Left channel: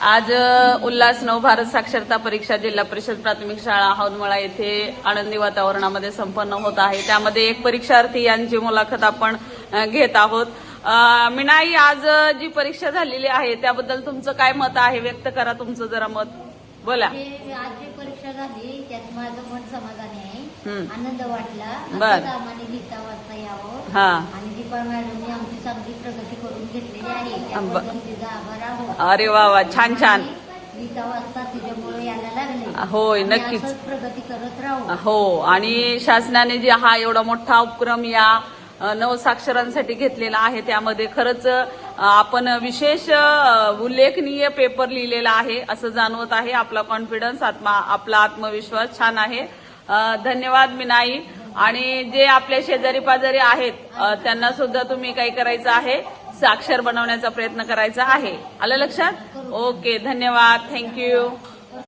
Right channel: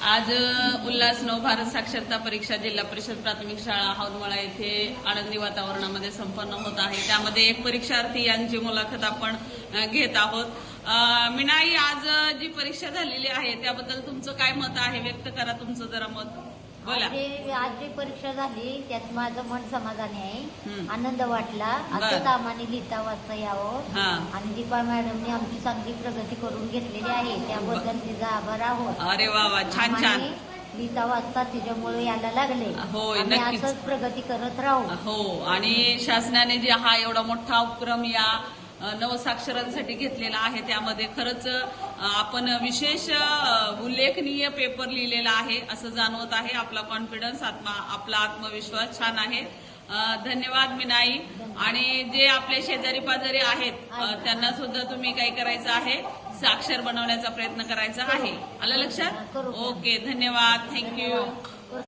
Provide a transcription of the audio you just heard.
आज उल्हास नवभारत साक्षरता परीक्षा जिल्हा परिषद प्राथमिक शाळा हौदमळा येथे आनंदी वातावरणामध्ये संपन्न होत आहे. त्यामध्ये एक परीक्षार्थी यांची मुलाखत आपण घेत आहोत. मीनाई, आज जी परीक्षा झालेली आहे त्याबद्दल तुमचं काय मत आहे? व्यक्त करा तुमचं जरा मत, बोला. आज जी परीक्षा झाली त्यात माझं मन समाधानी आहे. आनंद वाटला. बर. असंच आम्हाला लिहिता वाचता यावं आणि दीपा मॅडमने आमची चांगली प्रगती करून घेतलेली आहे त्याबद्दल तिचा आभार आहोत. अरे वा वा, छान छान. लिहिता वाचता तिच्यामुळे यायला लागले. होय, आम्ही नक्कीच असंच प्रगती करत राहू. हो. आणि शासनाने जे हा एवढा मोठा उपक्रम या नवसाक्षरांसाठी घेतलेला आहे त्यामध्ये खरंच आपण विशेष उल्लेखनीय पेपर लिहिलेला आहे असं जाणवत आहे. आपला कॉन्फिडन्स, आपला आत्मविश्वास छान आहे. धन्यवाद मीनाई. आणि जे आपले शेजारी पाजारी आहेत त्यांना सुद्धा तुम्ही काही करायचं आहे, साक्षर बनवण्याचा प्रयत्न करायचा आहे. आलं लक्षात? ओके, धन्यवाद, थँक्यू.